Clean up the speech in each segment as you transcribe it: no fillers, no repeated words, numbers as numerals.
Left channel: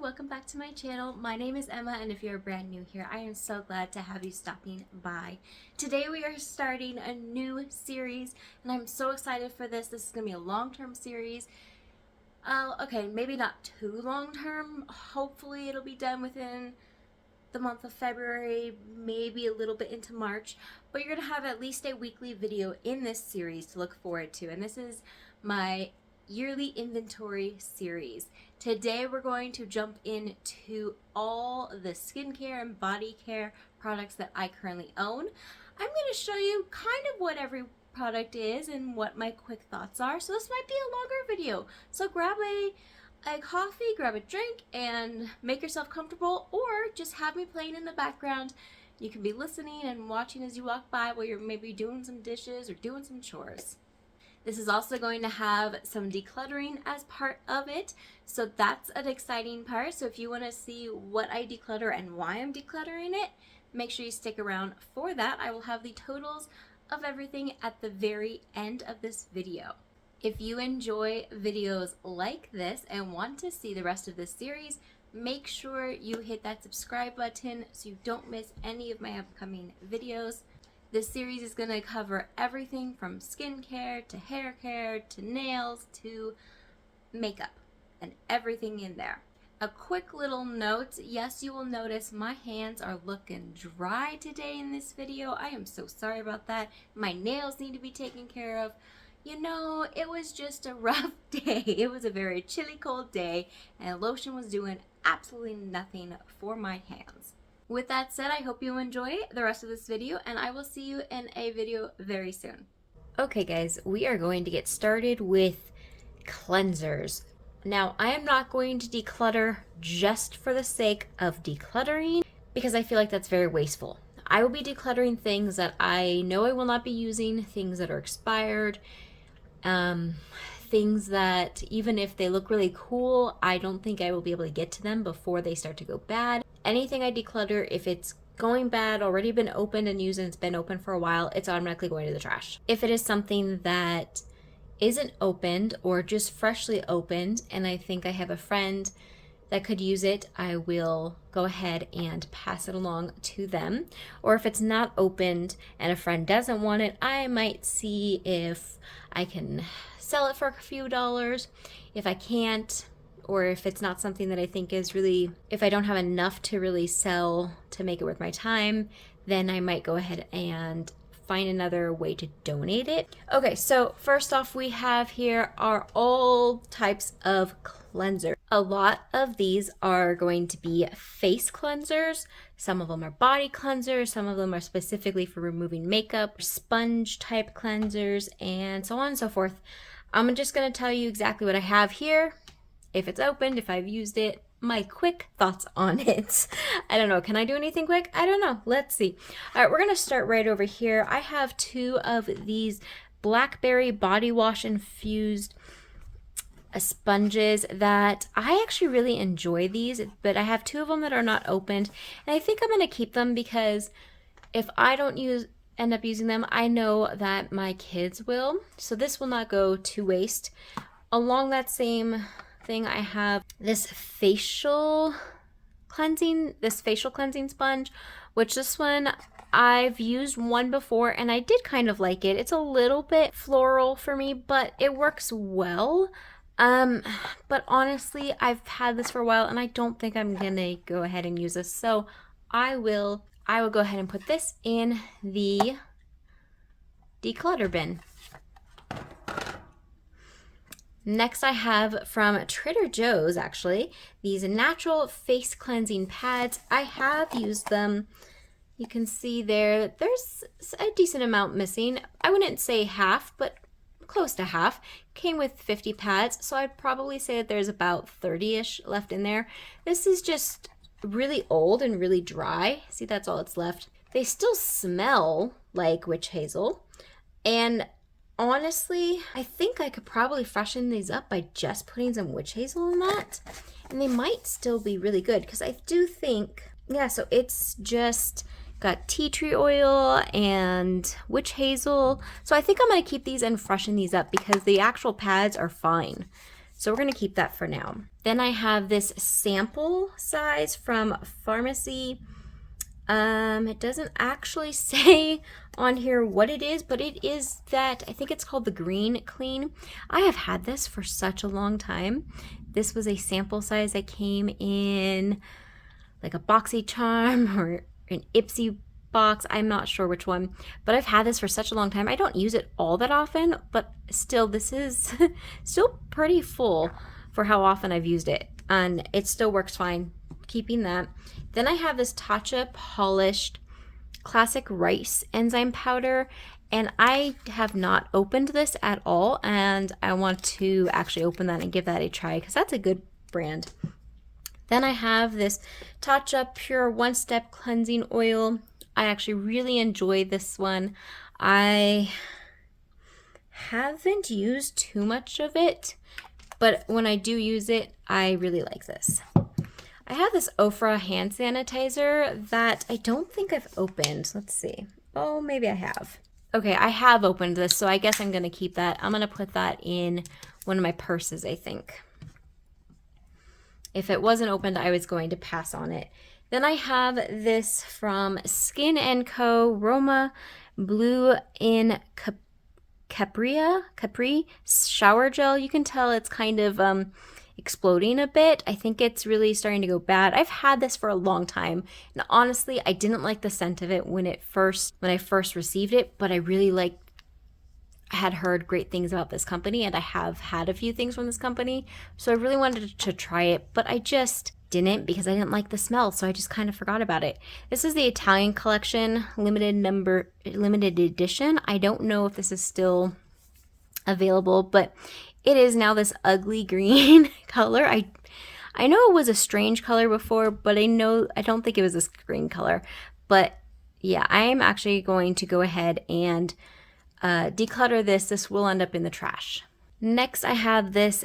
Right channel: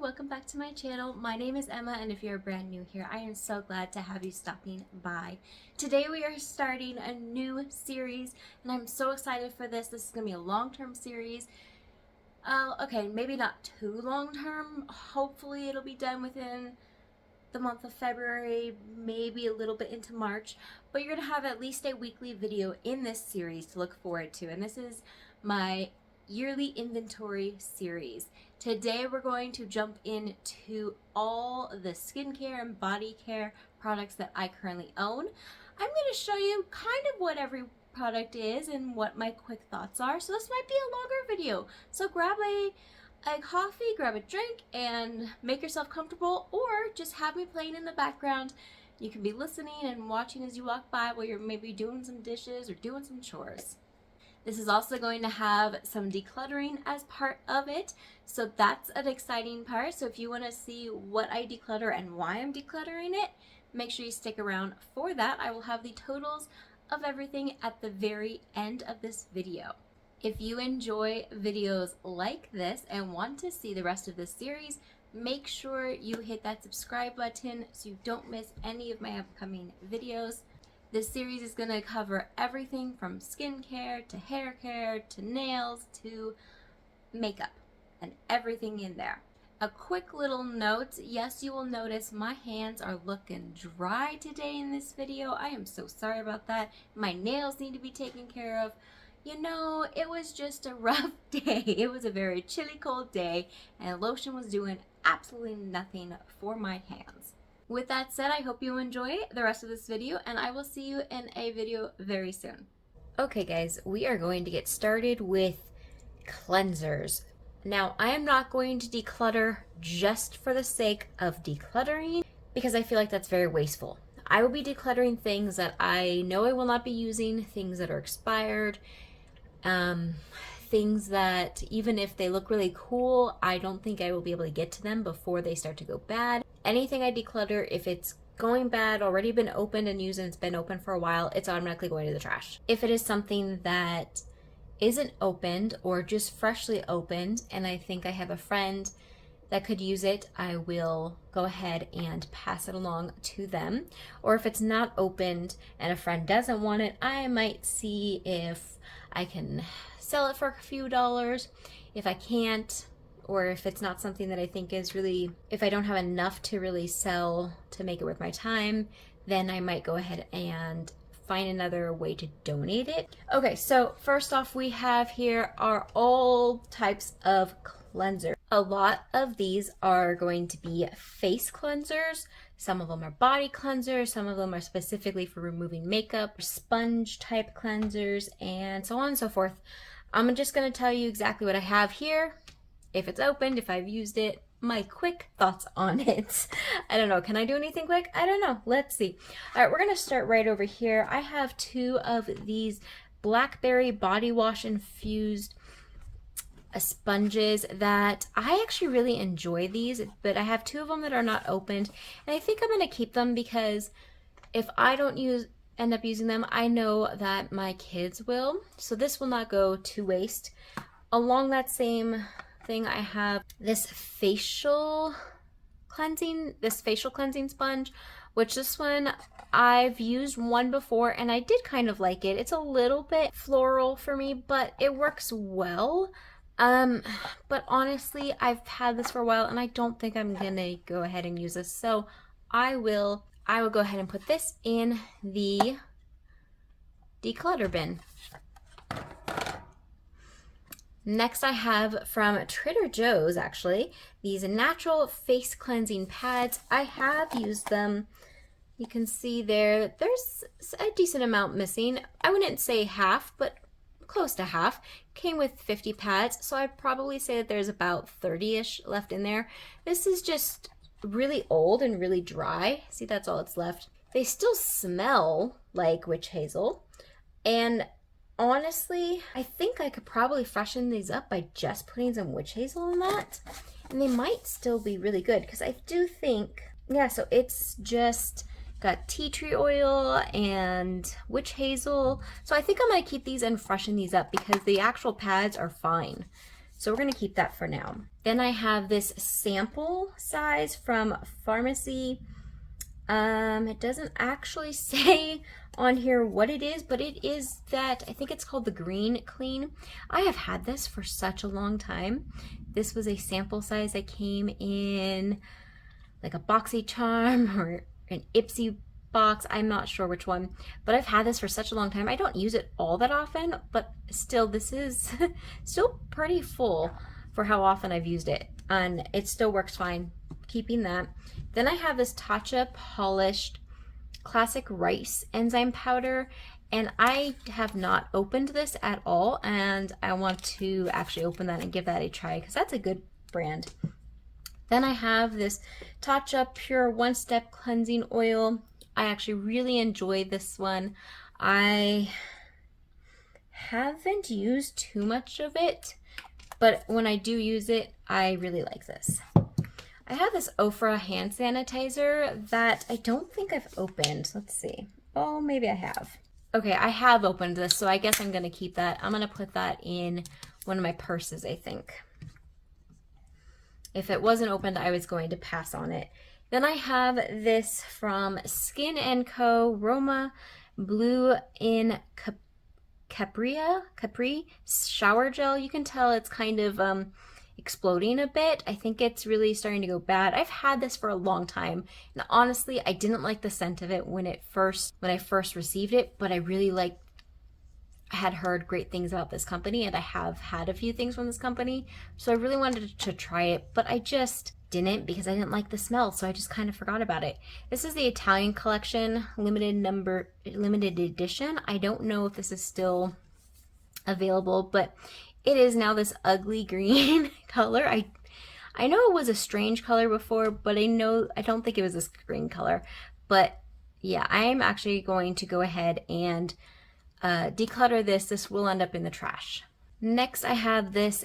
welcome back to my channel. My name is Emma, and if you're brand new here, I am so glad to have you stopping by. Today we are starting a new series, and I'm so excited for this. This is going to be a long-term series. Okay, maybe not too long-term. Hopefully it'll be done within the month of February, maybe a little bit into March, but you're going to have at least a weekly video in this series to look forward to, and this is my yearly inventory series. Today we're going to jump into all the skincare and body care products that I currently own. I'm going to show you kind of what every product is and what my quick thoughts are, so this might be a longer video. So grab a coffee, grab a drink, and make yourself comfortable, or just have me playing in the background. You can be listening and watching as you walk by while you're maybe doing some dishes or doing some chores. This is also going to have some decluttering as part of it, so that's an exciting part. So if you want to see what I declutter and why I'm decluttering it, make sure you stick around for that. I will have the totals of everything at the very end of this video. If you enjoy videos like this and want to see the rest of this series, make sure you hit that subscribe button so you don't miss any of my upcoming videos. This series is going to cover everything from skincare to hair care to nails to makeup and everything in there. A quick little note, yes, you will notice my hands are looking dry today in this video. I am so sorry about that. My nails need to be taken care of. You know, it was just a rough day. It was a very chilly, cold day, and lotion was doing absolutely nothing for my hands. With that said, I hope you enjoy the rest of this video, and I will see you in a video very soon. Okay guys, we are going to get started with cleansers. Now, I am not going to declutter just for the sake of decluttering, because I feel like that's very wasteful. I will be decluttering things that I know I will not be using, things that are expired, things that even if they look really cool, I don't think I will be able to get to them before they start to go bad. Anything I declutter, if it's going bad, already been opened and used, and it's been open for a while, it's automatically going to the trash. If it is something that isn't opened or just freshly opened and I think I have a friend that could use it, I will go ahead and pass it along to them. Or if it's not opened and a friend doesn't want it, I might see if I can sell it for a few dollars. If I can't, or if it's not something that I think is really, if I don't have enough to really sell to make it worth my time, then I might go ahead and find another way to donate it. Okay, so first off, we have here are all types of cleansers. A lot of these are going to be face cleansers. Some of them are body cleansers. Some of them are specifically for removing makeup, sponge type cleansers, and so on and so forth. I'm just going to tell you exactly what I have here, if it's opened, if I've used it, my quick thoughts on it. I don't know. Can I do anything quick? I don't know. Let's see. All right, we're going to start right over here. I have two of these blackberry body wash infused sponges that I actually really enjoy these, but I have two of them that are not opened, and I think I'm going to keep them because if I don't end up using them, I know that my kids will, so this will not go to waste. Along that same thing, I have this facial cleansing sponge, which this one I've used one before and I did kind of like it. It's a little bit floral for me, but it works well. But honestly, I've had this for a while and I don't think I'm gonna go ahead and use this, so I will go ahead and put this in the declutter bin. Next, I have from Trader Joe's, actually, these natural face cleansing pads. I have used them. You can see there's a decent amount missing. I wouldn't say half, but close to half. Came with 50 pads, so I'd probably say that there's about 30-ish left in there. This is just really old and really dry. See, that's all that's left. They still smell like witch hazel, and honestly, I think I could probably freshen these up by just putting some witch hazel in that, and they might still be really good because I do think, yeah, so it's just got tea tree oil and witch hazel. So I think I'm going to keep these and freshen these up because the actual pads are fine. So we're going to keep that for now. Then I have this sample size from Pharmacy. It doesn't actually say on here what it is, but it is that, I think it's called the Green Clean. I have had this for such a long time. This was a sample size that came in like a BoxyCharm or an Ipsy box. I'm not sure which one, but I've had this for such a long time. I don't use it all that often, but still, this is still pretty full for how often I've used it, and it still works fine. Keeping that. Then I have this Tatcha Polished Classic Rice Enzyme Powder, and I have not opened this at all, and I want to actually open that and give that a try because that's a good brand. Then I have this Tatcha Pure One Step Cleansing Oil. I actually really enjoy this one. I haven't used too much of it, but when I do use it, I really like this. I have this Ofra hand sanitizer that I don't think I've opened. Let's see. Oh, maybe I have. Okay, I have opened this, so I guess I'm going to keep that. I'm going to put that in one of my purses, I think. If it wasn't opened, I was going to pass on it. Then I have this from Skin & Co. Roma Blue in Capri shower gel. You can tell it's kind of exploding a bit. I think it's really starting to go bad. I've had this for a long time, and honestly, I didn't like the scent of it when I first received it, but I really had heard great things about this company, and I have had a few things from this company, so I really wanted to try it, but I just didn't because I didn't like the smell, so I just kind of forgot about it. This is the Italian Collection limited edition. I don't know if this is still available, but it is now this ugly green color. I know it was a strange color before, but I don't think it was this green color. But yeah, I'm actually going to go ahead and declutter this. This will end up in the trash. Next, I have this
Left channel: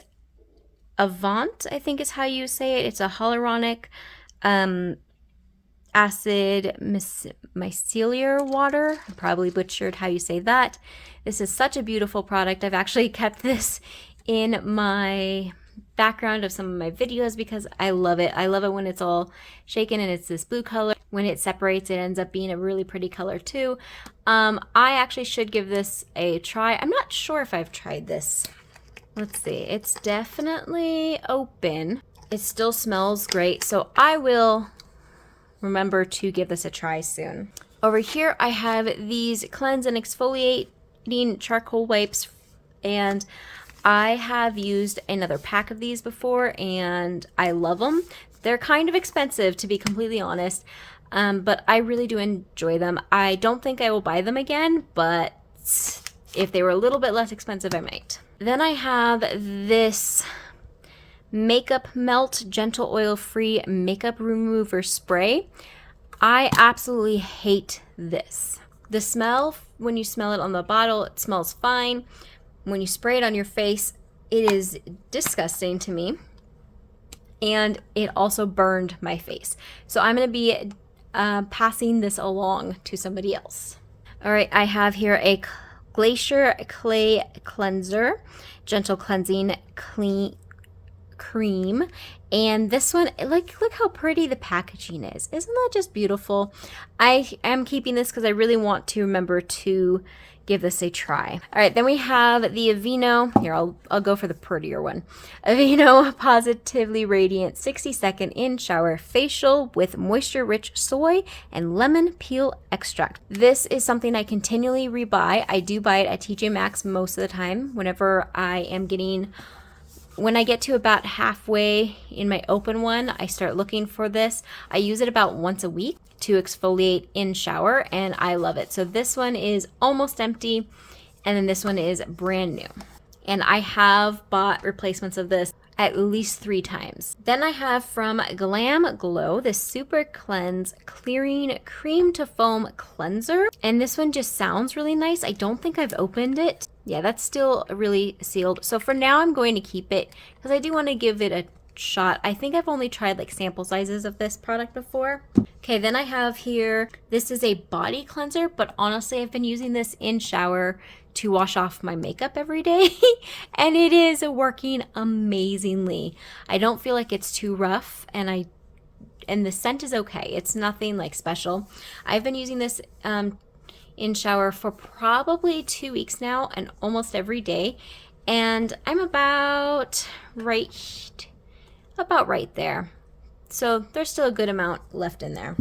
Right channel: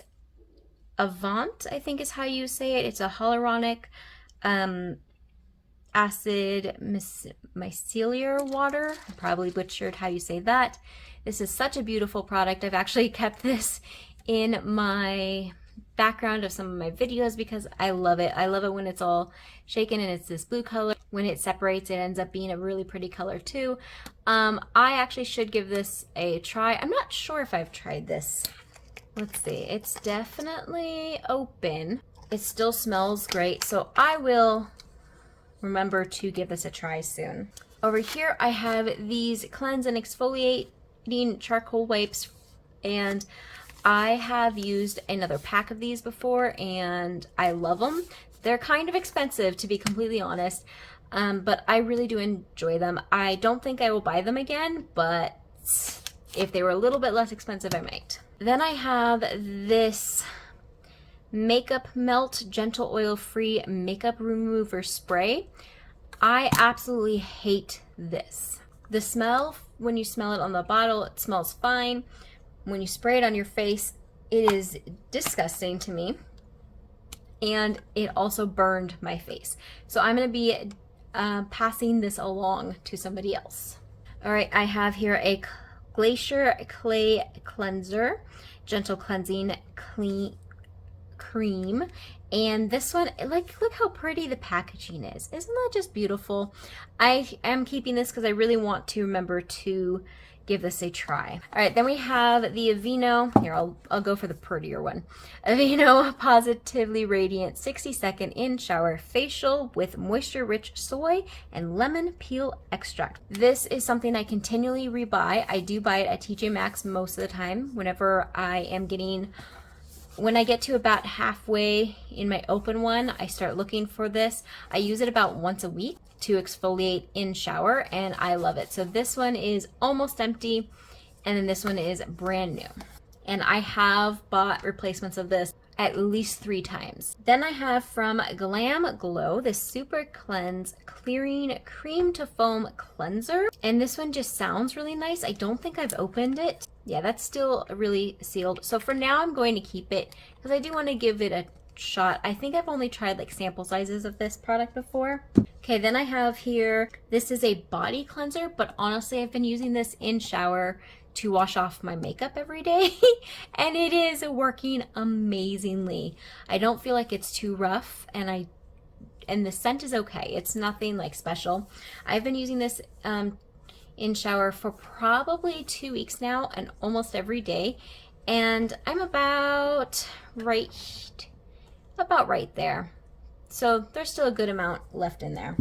Avant, I think is how you say it. It's a hyaluronic acid micellar water. I probably butchered how you say that. This is such a beautiful product. I've actually kept this in my background of some of my videos because I love it. I love it when it's all shaken and it's this blue color. When it separates, it ends up being a really pretty color too. I actually should give this a try. I'm not sure if I've tried this. Let's see. It's definitely open. It still smells great, so I will remember to give this a try soon. Over here, I have these Cleanse and Exfoliating Charcoal Wipes, and I have used another pack of these before, and I love them. They're kind of expensive, to be completely honest, but I really do enjoy them. I don't think I will buy them again, but if they were a little bit less expensive, I might. Then I have this Makeup Melt Gentle Oil Free Makeup Remover Spray. I absolutely hate this. The smell, when you smell it on the bottle, it smells fine. When you spray it on your face, it is disgusting to me. And it also burned my face. So I'm going to be passing this along to somebody else. All right, I have here a Glacier Clay Cleanser, Gentle Cleansing Cream. And this one, look how pretty the packaging is. Isn't that just beautiful? I am keeping this because I really want to remember to give this a try. All right, then we have the Aveeno. Here, I'll go for the prettier one. Aveeno Positively Radiant 60-second in shower facial with moisture-rich soy and lemon peel extract. This is something I continually rebuy. I do buy it at TJ Maxx most of the time whenever when I get to about halfway in my open one, I start looking for this. I use it about once a week to exfoliate in shower, and I love it. So this one is almost empty, and then this one is brand new. And I have bought replacements of this at least 3 times. Then I have from Glam Glow this Super Cleanse Clearing Cream to Foam Cleanser. And this one just sounds really nice. I don't think I've opened it. Yeah, that's still really sealed. So for now, I'm going to keep it because I do want to give it shot. I think I've only tried like sample sizes of this product before. Okay, then I have here, this is a body cleanser, but honestly, I've been using this in shower to wash off my makeup every day, and it is working amazingly. I don't feel like it's too rough, and the scent is okay. It's nothing like special. I've been using this in shower for probably 2 weeks now, and almost every day, and I'm about right there. So there's still a good amount left in there.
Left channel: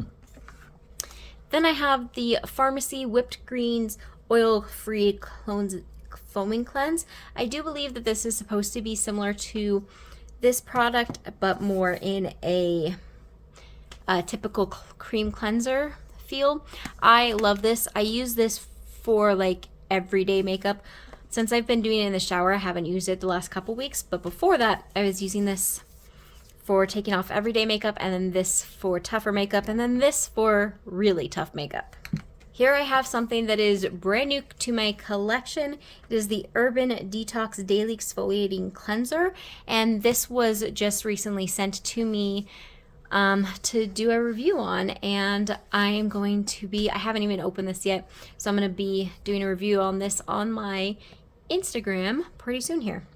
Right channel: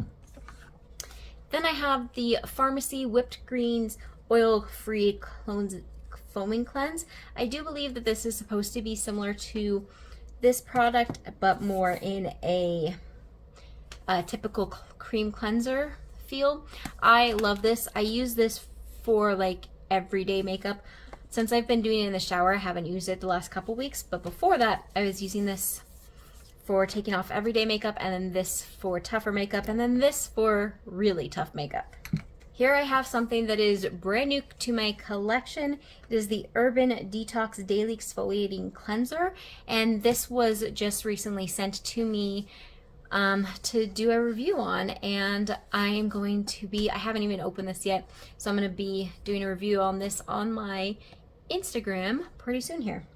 Then I have the Pharmacy Whipped Greens Oil-Free Foaming Cleanse. I do believe that this is supposed to be similar to this product, but more in a typical cream cleanser feel. I love this. I use this for like everyday makeup. Since I've been doing it in the shower, I haven't used it the last couple weeks, but before that, I was using this for taking off everyday makeup, and then this for tougher makeup, and then this for really tough makeup. Here I have something that is brand new to my collection. It is the Urban Detox Daily Exfoliating Cleanser, and this was just recently sent to me to do a review on, and I haven't even opened this yet, so I'm going to be doing a review on this on my Instagram pretty soon here.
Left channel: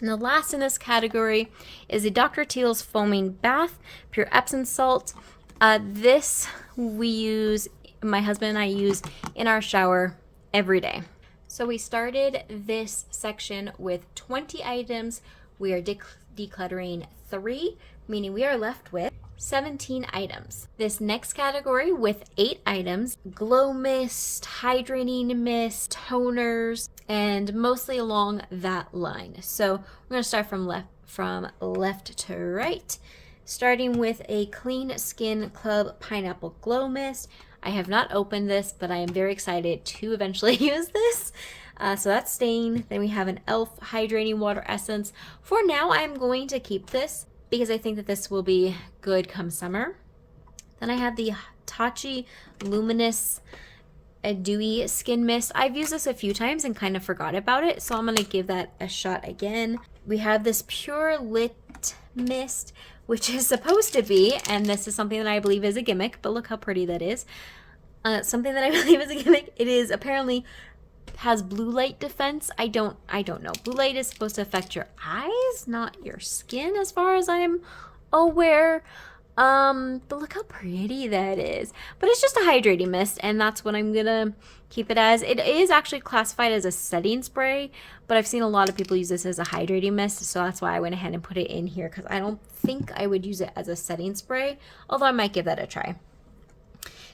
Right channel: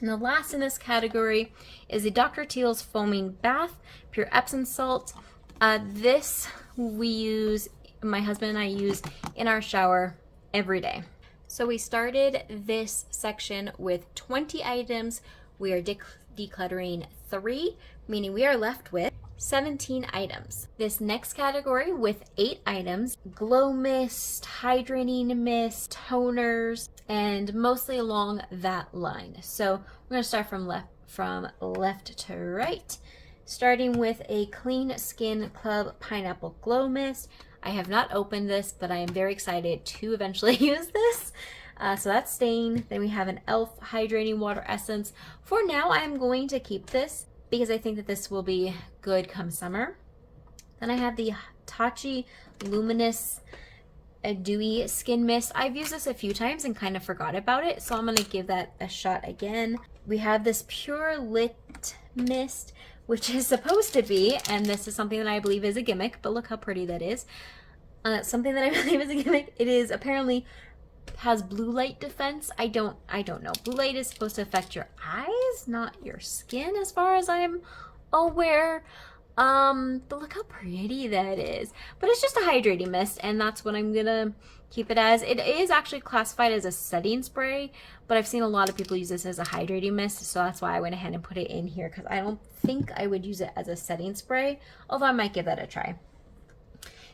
And the last in this category is the Dr. Teal's Foaming Bath, Pure Epsom Salt. This my husband and I use in our shower every day. So we started this section with 20 items. We are decluttering 3, meaning we are left with 17 items. This next category with 8 items: glow mist, hydrating mist, toners, and mostly along that line. So we're going to start from left to right, starting with a Clean Skin Club Pineapple Glow Mist. I have not opened this, but I am very excited to eventually use this. So that's staying. Then we have an e.l.f. Hydrating Water Essence. For now, I'm going to keep this because I think that this will be good come summer. Then I have the Tachi Luminous Dewy Skin Mist. I've used this a few times and kind of forgot about it, so I'm going to give that a shot again. We have this Pure Lit Mist, which is supposed to be, and this is something that I believe is a gimmick, but look how pretty that is. Something that I believe is a gimmick. It is apparently has blue light defense. I don't know. Blue light is supposed to affect your eyes, not your skin, as far as I'm aware. But look how pretty that is. But it's just a hydrating mist, and that's what I'm gonna keep it as. It is actually classified as a setting spray, but I've seen a lot of people use this as a hydrating mist, so that's why I went ahead and put it in here, because I don't think I would use it as a setting spray, although I might give that a try.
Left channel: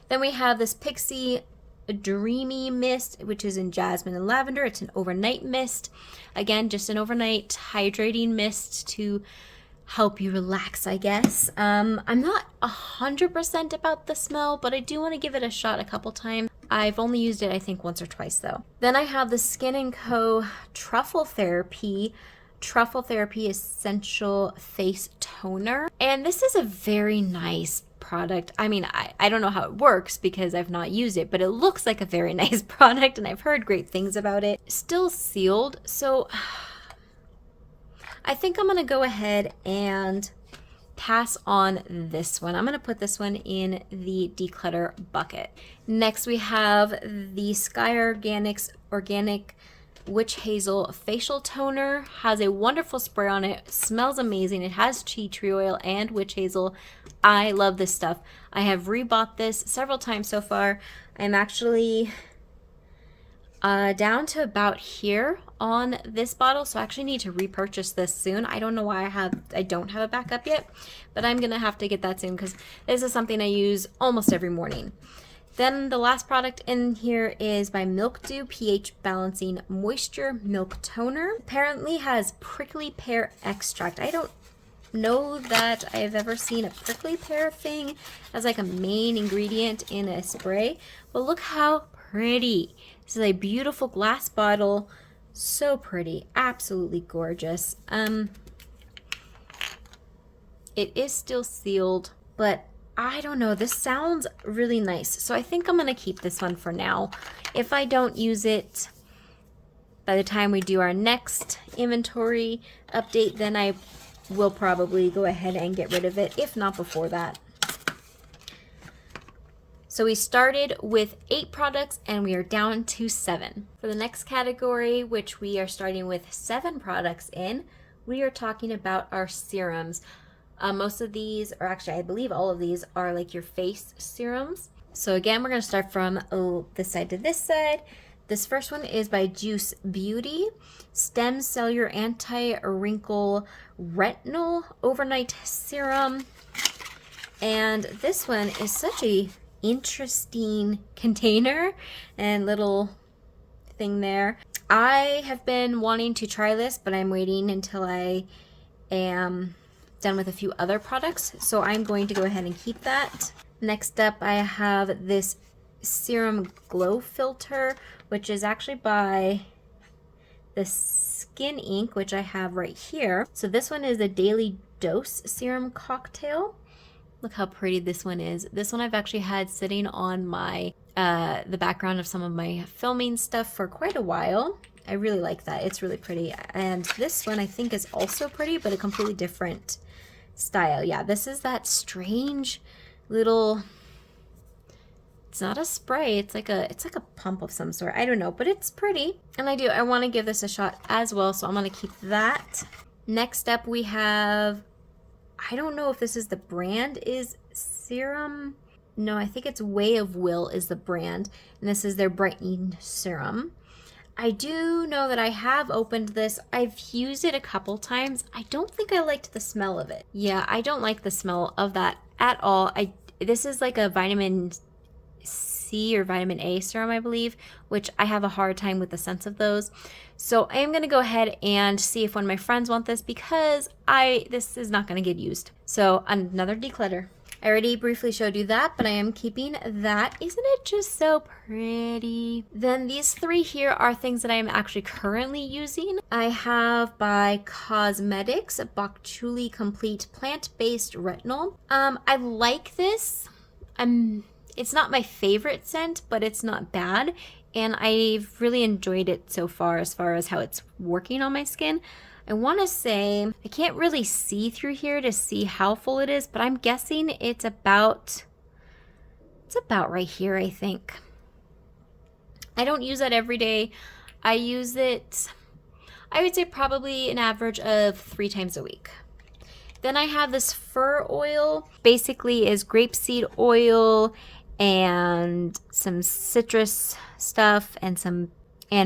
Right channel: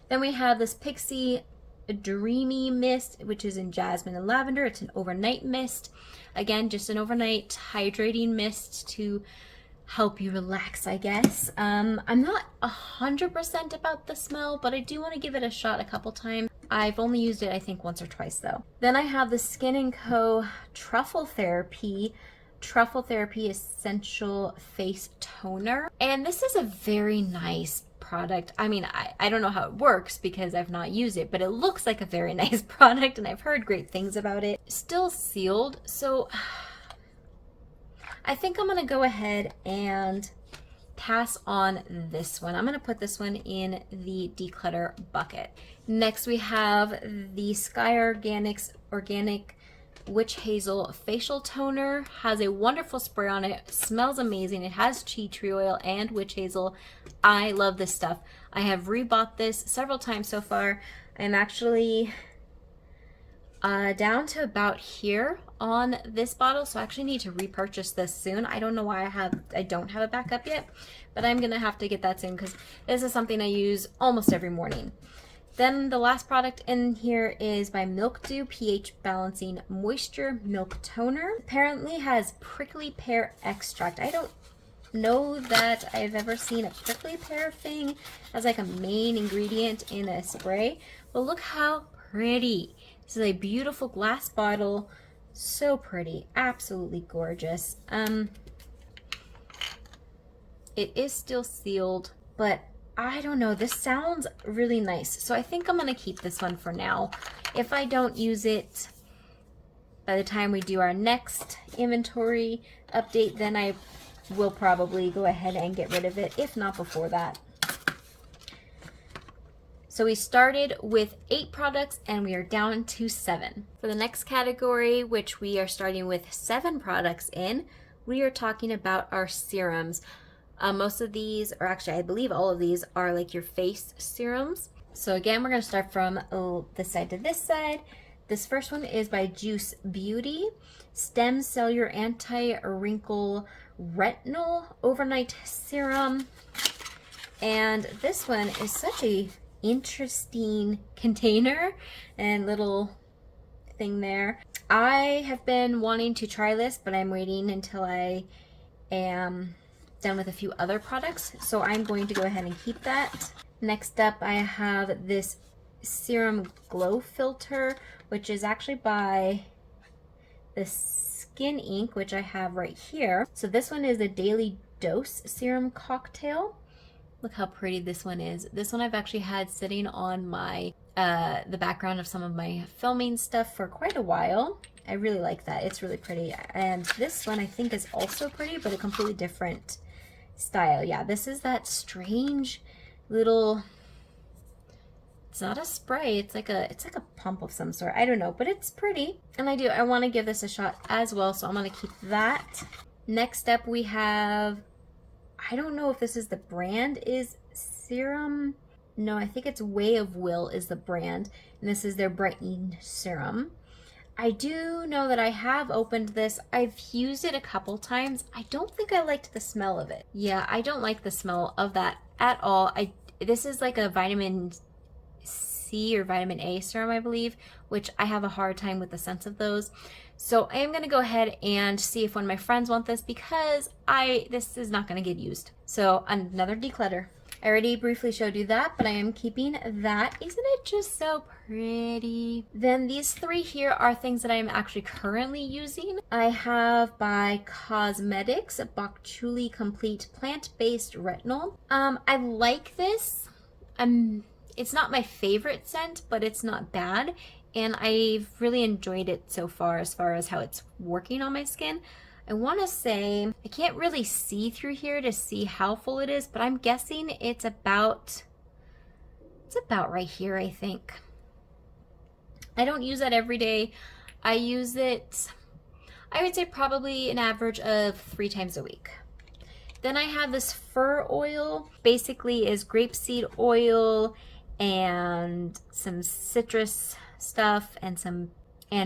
Then we have this Pixie Dreamy Mist, which is in jasmine and lavender. It's an overnight mist. Again, just an overnight hydrating mist to help you relax, I guess. I'm not 100% about the smell, but I do want to give it a shot a couple times. I've only used it, I think, once or twice, though. Then I have the Skin & Co. Truffle Therapy Essential Face Toner. And this is a very nice product. I mean, I don't know how it works because I've not used it, but it looks like a very nice product, and I've heard great things about it. Still sealed, so I think I'm going to go ahead and pass on this one. I'm going to put this one in the declutter bucket. Next, we have the Sky Organics Organic Witch Hazel Facial Toner. Has a wonderful spray on it. Smells amazing. It has tea tree oil and witch hazel. I love this stuff. I have rebought this several times so far. I'm actually down to about here on this bottle, so I actually need to repurchase this soon. I don't know why I don't have a backup yet, but I'm gonna have to get that soon because this is something I use almost every morning. Then the last product in here is by Milk Dew pH Balancing Moisture Milk Toner. Apparently has prickly pear extract. I don't know that I've ever seen a prickly pear thing as like a main ingredient in a spray, but look how pretty. This is a beautiful glass bottle. So pretty. Absolutely gorgeous. It is still sealed, but I don't know. This sounds really nice. So I think I'm going to keep this one for now. If I don't use it by the time we do our next inventory update, then I we'll probably go ahead and get rid of it, if not before that. So we started with 8 products and we are down to 7. For the next category, which we are starting with 7 products in, we are talking about our serums. Most of these, or actually I believe all of these, are like your face serums. So again, we're going to start from this side to this side. This first one is by Juice Beauty, Stem Cellular Anti-Wrinkle Retinol Overnight Serum. And this one is such a interesting container and little thing there. I have been wanting to try this, but I'm waiting until I am done with a few other products, so I'm going to go ahead and keep that. Next up, I have this Serum Glow Filter, which is actually by the Skin Ink, which I have right here. So this one is a Daily Dose Serum Cocktail. Look how pretty this one is. This one I've actually had sitting on my the background of some of my filming stuff for quite a while. I really like that. It's really pretty. And this one I think is also pretty, but a completely different style. Yeah, this is that strange little, it's not a spray, it's like a pump of some sort. I don't know, but it's pretty. And I want to give this a shot as well, so I'm going to keep that. Next up we have, I don't know if this is the brand, is Serum. No, I think it's Way of Will is the brand, and this is their brightening serum. I do know that I have opened this. I've used it a couple times. I don't think I liked the smell of it. Yeah, I don't like the smell of that at all. This is like a vitamin C or vitamin A serum, I believe, which I have a hard time with the scents of those. So I am going to go ahead and see if one of my friends want this, because this is not going to get used. So another declutter. I already briefly showed you that, but I am keeping that. Isn't it just so pretty? Then these 3 here are things that I am actually currently using. I have by Cosmetics, Bok Choy Complete Plant-Based Retinol. I like this. It's not my favorite scent, but it's not bad. And I've really enjoyed it so far as how it's working on my skin. I want to say, I can't really see through here to see how full it is, but I'm guessing it's about right here, I think. I don't use that every day. I use it, I would say probably an average of 3 times a week. Then I have this fur oil, basically is grapeseed oil and some citrus stuff and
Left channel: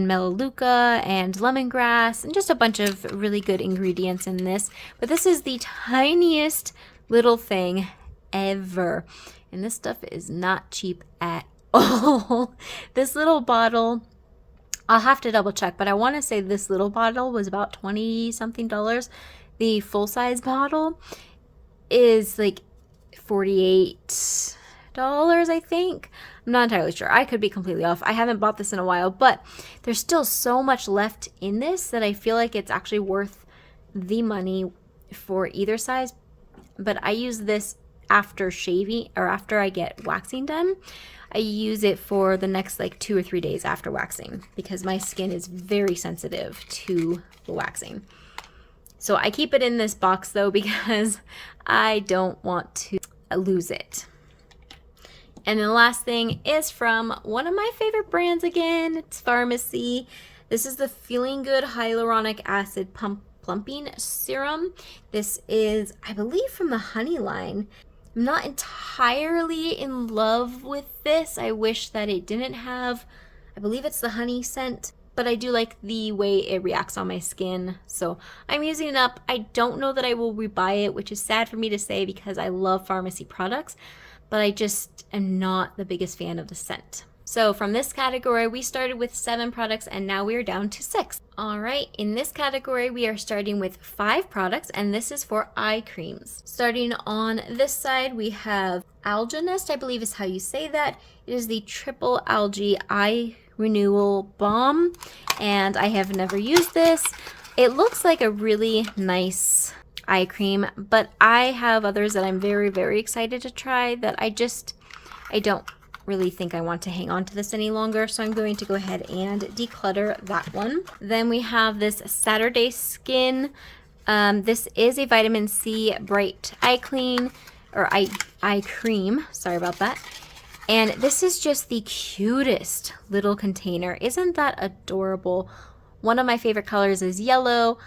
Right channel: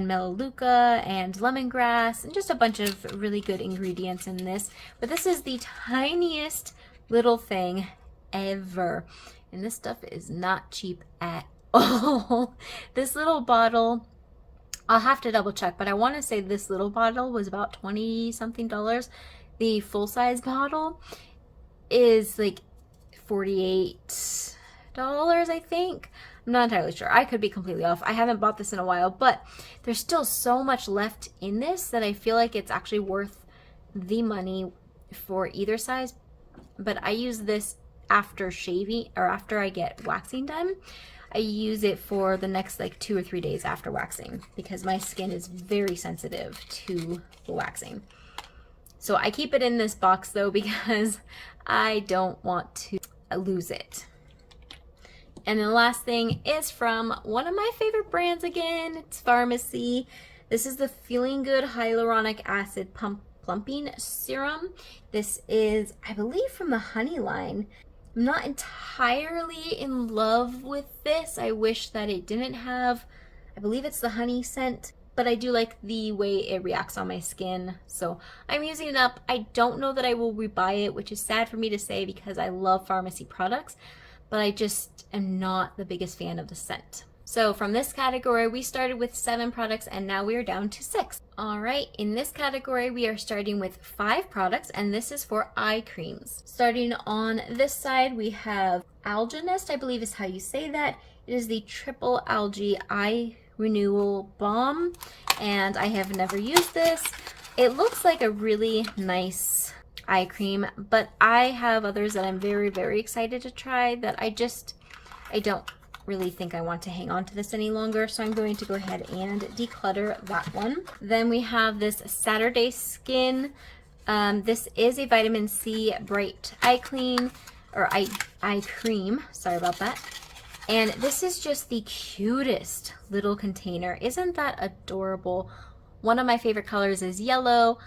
melaleuca and lemongrass and just a bunch of really good ingredients in this. But this is the tiniest little thing ever, and this stuff is not cheap at all. This little bottle, I'll have to double check, but I want to say this little bottle was about $20 something. The full size bottle is like $48, I think. I'm not entirely sure. I could be completely off. I haven't bought this in a while, but there's still so much left in this that I feel like it's actually worth the money for either size. But I use this after shaving, or after I get waxing done. I use it for the next like 2 or 3 days after waxing, because my skin is very sensitive to the waxing. So I keep it in this box though, because I don't want to lose it. And then the last thing is from one of my favorite brands again. It's Pharmacy. This is the Feeling Good Hyaluronic Acid Plumping Serum. This is, I believe, from the Honey line. I'm not entirely in love with this. I wish that it didn't have, I believe it's the honey scent, but I do like the way it reacts on my skin. So I'm using it up. I don't know that I will rebuy it, which is sad for me to say because I love Pharmacy products, but I just am not the biggest fan of the scent. So from this category, we started with 7 products and now we are down to 6. All right, in this category, we are starting with 5 products, and this is for eye creams. Starting on this side, we have Algenist, I believe is how you say that. It is the Triple Algae Eye Renewal Balm, and I have never used this. It looks like a really nice eye cream, but I have others that I'm very, very excited to try that I don't really think I want to hang on to this any longer, so I'm going to go ahead and declutter that one. Then we have this Saturday Skin This is a vitamin C bright eye clean, or eye cream. Sorry about that. And this is just the cutest little container. Isn't that adorable? One of my favorite colors is yellow.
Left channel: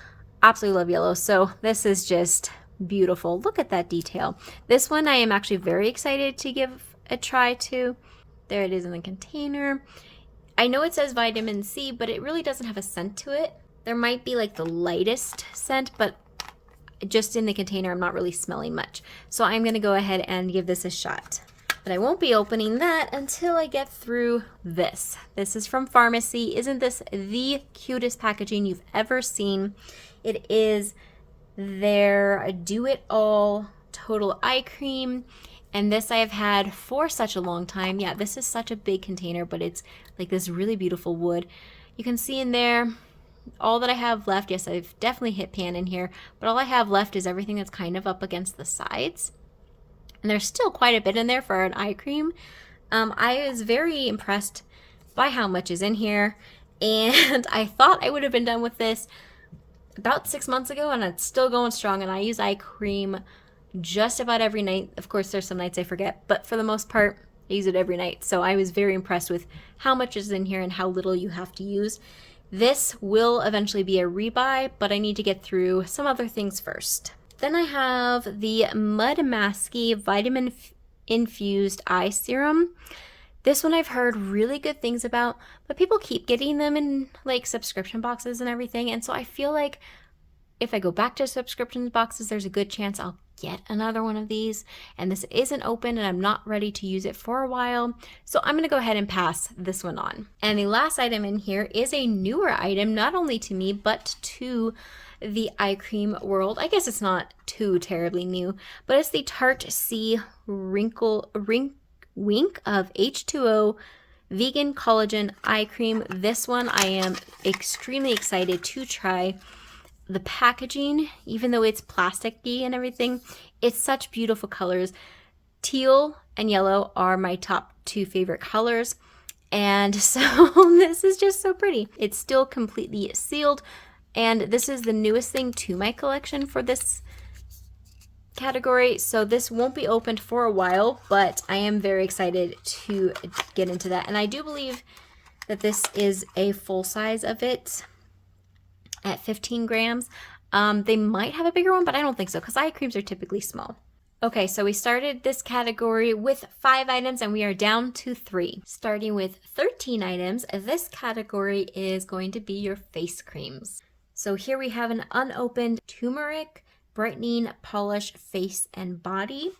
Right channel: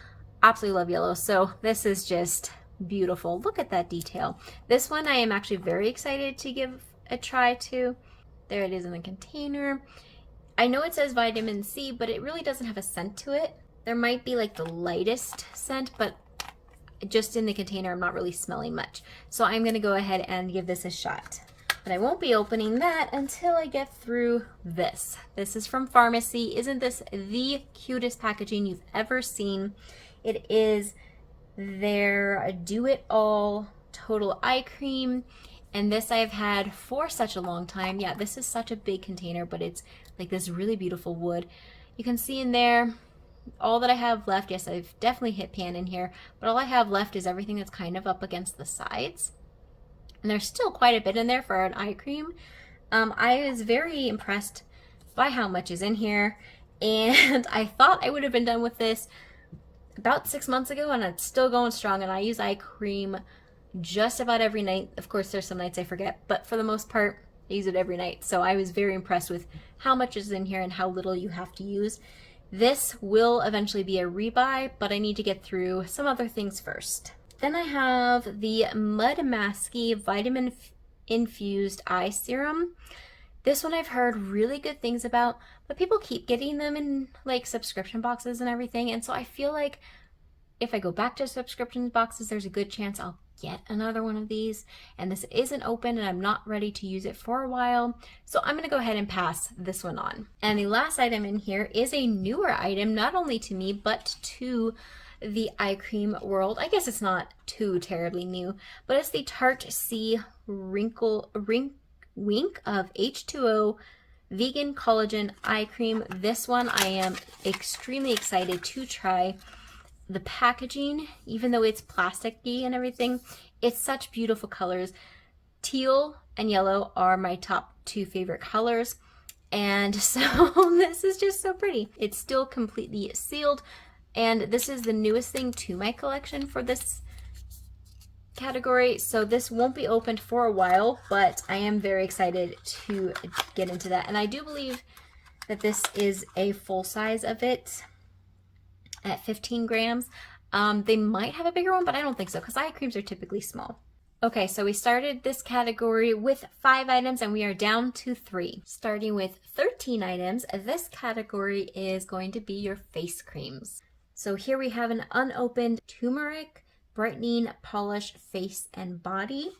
Absolutely love yellow. So this is just beautiful. Look at that detail. This one I am actually very excited to give a try to. There it is in the container. I know it says vitamin C, but it really doesn't have a scent to it. There might be like the lightest scent, but just in the container I'm not really smelling much. So I'm going to go ahead and give this a shot. But I won't be opening that until I get through this. This is from Pharmacy. Isn't this the cutest packaging you've ever seen? It is their Do-It-All Total Eye Cream. And this I've had for such a long time. Yeah, this is such a big container, but it's like this really beautiful wood. You can see in there all that I have left. Yes, I've definitely hit pan in here, but all I have left is everything that's kind of up against the sides. And there's still quite a bit in there for an eye cream. I was very impressed by how much is in here, and I thought I would have been done with this about 6 months ago, and it's still going strong. And I use eye cream just about every night. Of course, there's some nights I forget, but for the most part, I use it every night. So I was very impressed with how much is in here and how little you have to use. This will eventually be a rebuy, but I need to get through some other things first. Then I have the Mud Masky Vitamin Infused Eye Serum. This one I've heard really good things about, but people keep getting them in like subscription boxes and everything. And so I feel like if I go back to subscription boxes, there's a good chance I'll get another one of these. And this isn't open and I'm not ready to use it for a while. So I'm going to go ahead and pass this one on. And the last item in here is a newer item, not only to me, but to the eye cream world. I guess it's not too terribly new, but it's the Tarte C Wink of H2O Vegan Collagen Eye Cream. This one I am extremely excited to try. The packaging, even though it's plasticky and everything, it's such beautiful colors. Teal and yellow are my top two favorite colors, and so this is just so pretty. It's still completely sealed, and this is the newest thing to my collection for this category, so this won't be opened for a while, but I am very excited to get into that. And I do believe that this is a full size of it at 15 grams. They might have a bigger one, but I don't think so because eye creams are typically small. Okay, so we started this category with 5 items and we are down to 3. Starting with 13 items, this category is going to be your face creams. So here we have an unopened turmeric brightening polish face and body.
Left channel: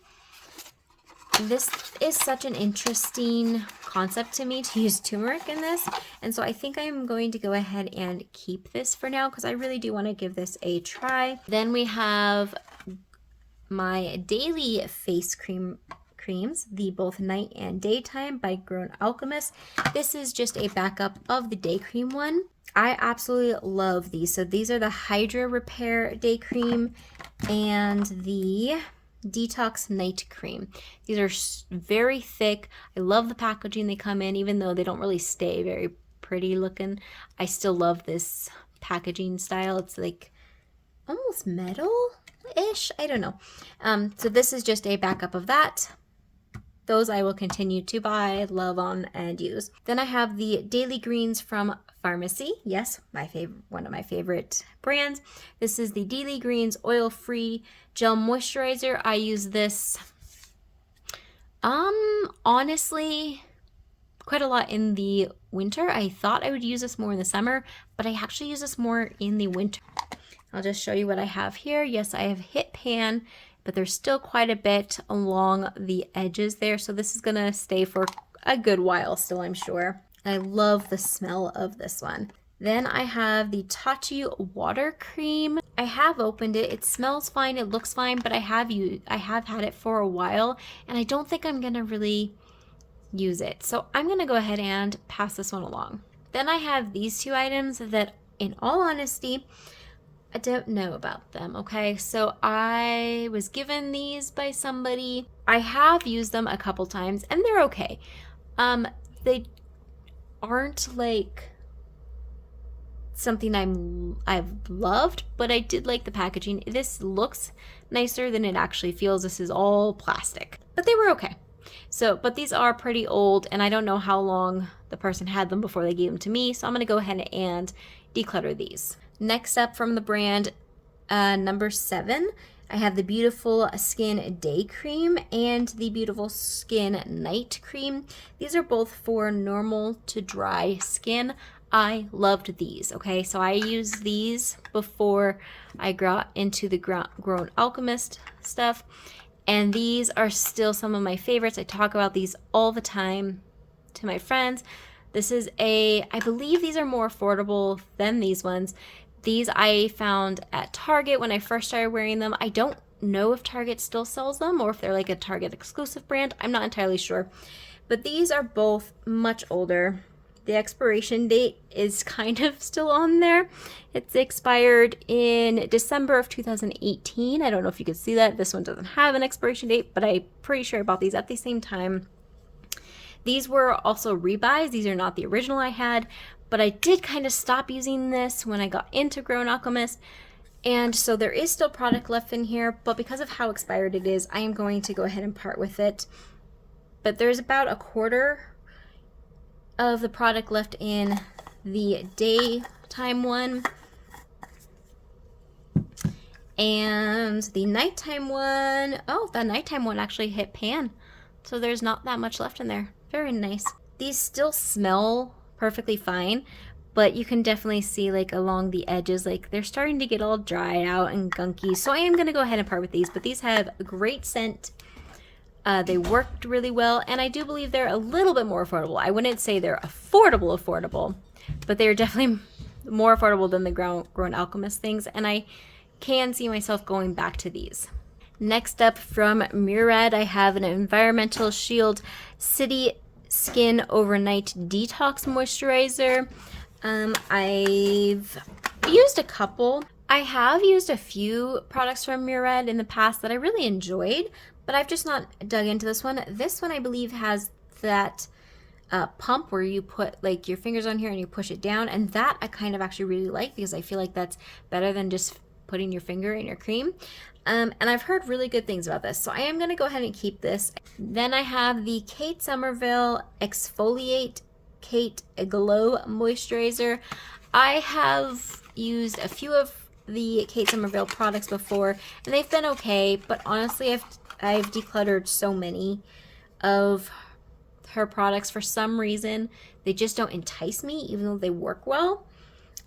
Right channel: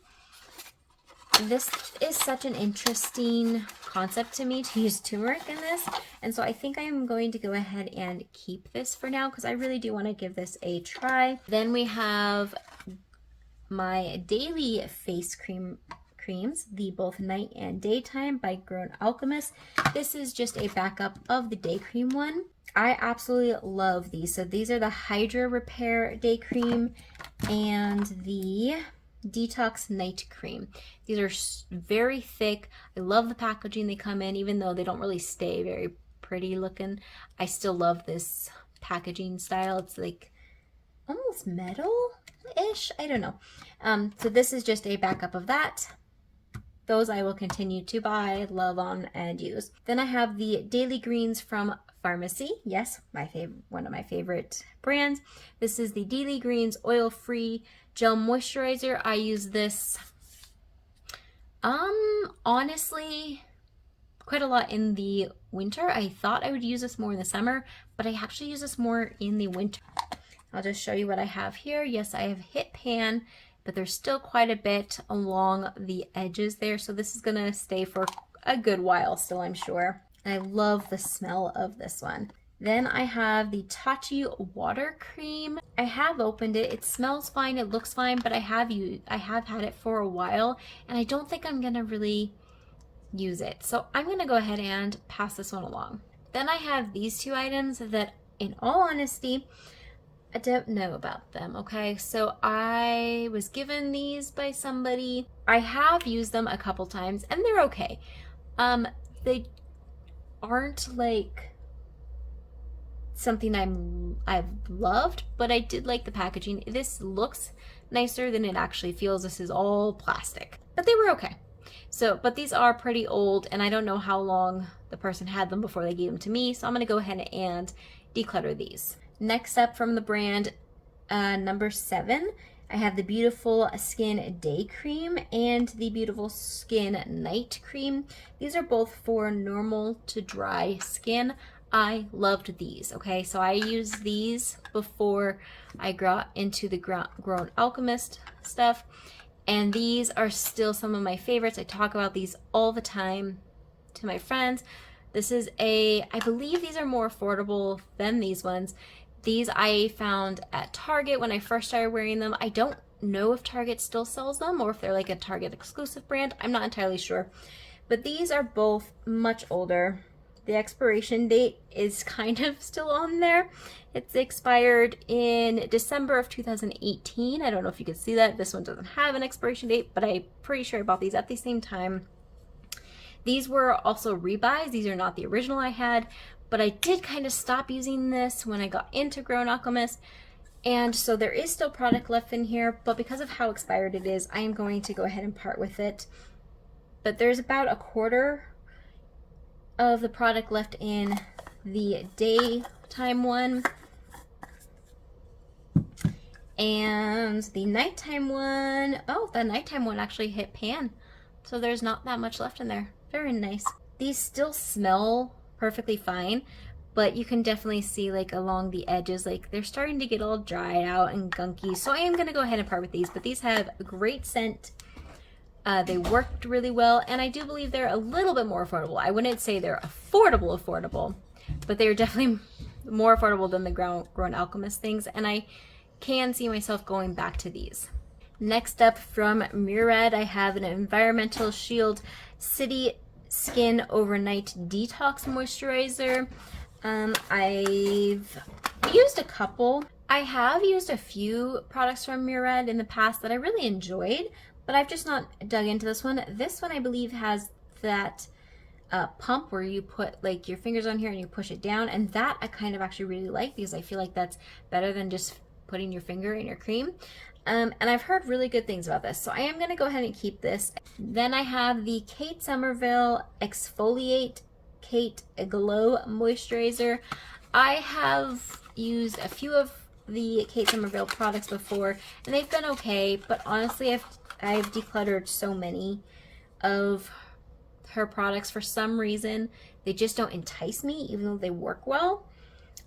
This is such an interesting concept to me to use turmeric in this, and so I think I'm going to go ahead and keep this for now because I really do want to give this a try. Then we have my daily face creams, the both night and daytime by Grown Alchemist. This is just a backup of the day cream one. I absolutely love these. So these are the Hydra Repair Day Cream and the Detox Night Cream. These are very thick. I love the packaging they come in, even though they don't really stay very pretty looking. I still love this packaging style. It's like almost metal-ish. I don't know. So this is just a backup of that. Those I will continue to buy, love on, and use. Then I have the Daily Greens from Pharmacy. Yes, one of my favorite brands. This is the Daily Greens Oil-Free Gel Moisturizer. I use this, honestly, quite a lot in the winter. I thought I would use this more in the summer, but I actually use this more in the winter. I'll just show you what I have here. Yes, I have hit pan, but there's still quite a bit along the edges there. So this is gonna stay for a good while still, I'm sure. And I love the smell of this one. Then I have the Tachi Water Cream. I have opened it. It smells fine, it looks fine, but I have had it for a while, and I don't think I'm gonna really use it. So I'm gonna go ahead and pass this one along. Then I have these 2 items that, in all honesty, I don't know about them, okay? So I was given these by somebody. I have used them a couple times, and they're okay. They aren't like something I've loved, but I did like the packaging. This looks nicer than it actually feels. This is all plastic, but they were okay. So, but these are pretty old, and I don't know how long the person had them before they gave them to me, so I'm going to go ahead and declutter these. Next up from the brand number 7, I have the Beautiful Skin Day Cream and the Beautiful Skin Night Cream. These are both for normal to dry skin. I loved these, okay? So I used these before I got into the Grown Alchemist stuff, and these are still some of my favorites. I talk about these all the time to my friends. This is I believe these are more affordable than these ones. These I found at Target when I first started wearing them. I don't know if Target still sells them or if they're like a Target exclusive brand. I'm not entirely sure. But these are both much older. The expiration date is kind of still on there. It's expired in December of 2018. I don't know if you can see that. This one doesn't have an expiration date, but I'm pretty sure I bought these at the same time. These were also rebuys. These are not the original I had, but I did kind of stop using this when I got into Grown Alchemist. And so there is still product left in here, but because of how expired it is, I am going to go ahead and part with it. But there's about a quarter of the product left in the daytime one, and the nighttime one, oh, the nighttime one actually hit pan, so there's not that much left in there. Very nice. These still smell perfectly fine, but you can definitely see like along the edges, like they're starting to get all dried out and gunky, so I am going to go ahead and part with these. But these have a great scent. They worked really well, and I do believe they're a little bit more affordable. I wouldn't say they're affordable, but they're definitely more affordable than the Grown Alchemist things, and I can see myself going back to these. Next up from Murad, I have an Environmental Shield City Skin Overnight Detox Moisturizer. I've used a couple. I have used a few products from Murad in the past that I really enjoyed, but I've just not dug into this one. This one I believe has that pump where you put like your fingers on here and you push it down, and that I kind of actually really like because I feel like that's better than just putting your finger in your cream. And I've heard really good things about this, so I am going to go ahead and keep this. Then I have the Kate Somerville Exfoliate Kate Glow Moisturizer. I have used a few of the Kate Somerville products before, and they've been okay, but honestly I've decluttered so many of her products. For some reason, they just don't entice me, even though they work well.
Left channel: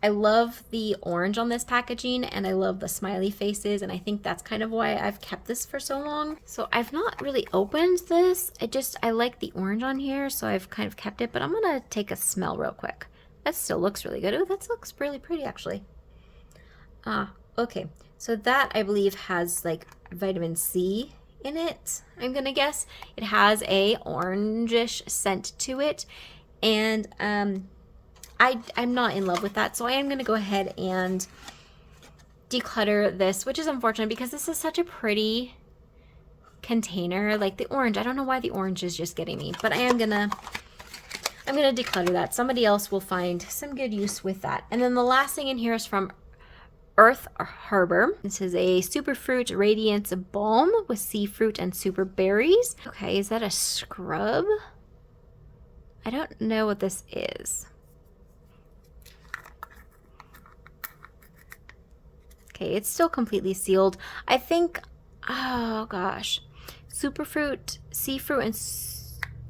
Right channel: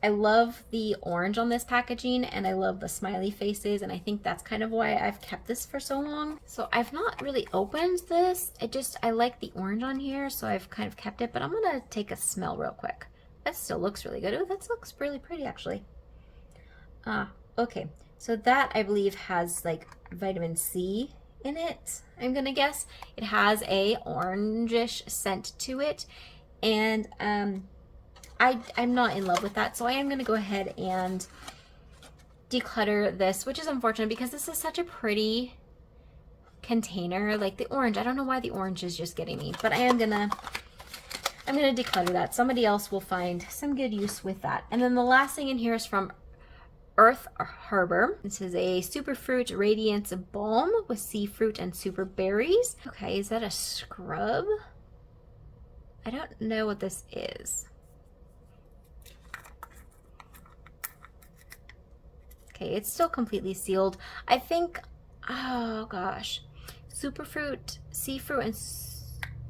I love the orange on this packaging, and I love the smiley faces, and I think that's kind of why I've kept this for so long. So I've not really opened this. I like the orange on here, so I've kind of kept it, but I'm gonna take a smell real quick. That still looks really good. Oh, that looks really pretty, actually. Okay. So that, I believe, has like vitamin C in it, I'm gonna guess. It has a orangish scent to it, and I'm not in love with that, so I am gonna go ahead and declutter this, which is unfortunate because this is such a pretty container. Like the orange, I don't know why the orange is just getting me, but I'm gonna declutter that. Somebody else will find some good use with that. And then the last thing in here is from Earth Harbor. This is a Superfruit Radiance Balm with sea fruit and super berries. Okay, is that a scrub? I don't know what this is. Okay, it's still completely sealed. I think, oh gosh, Superfruit, sea fruit,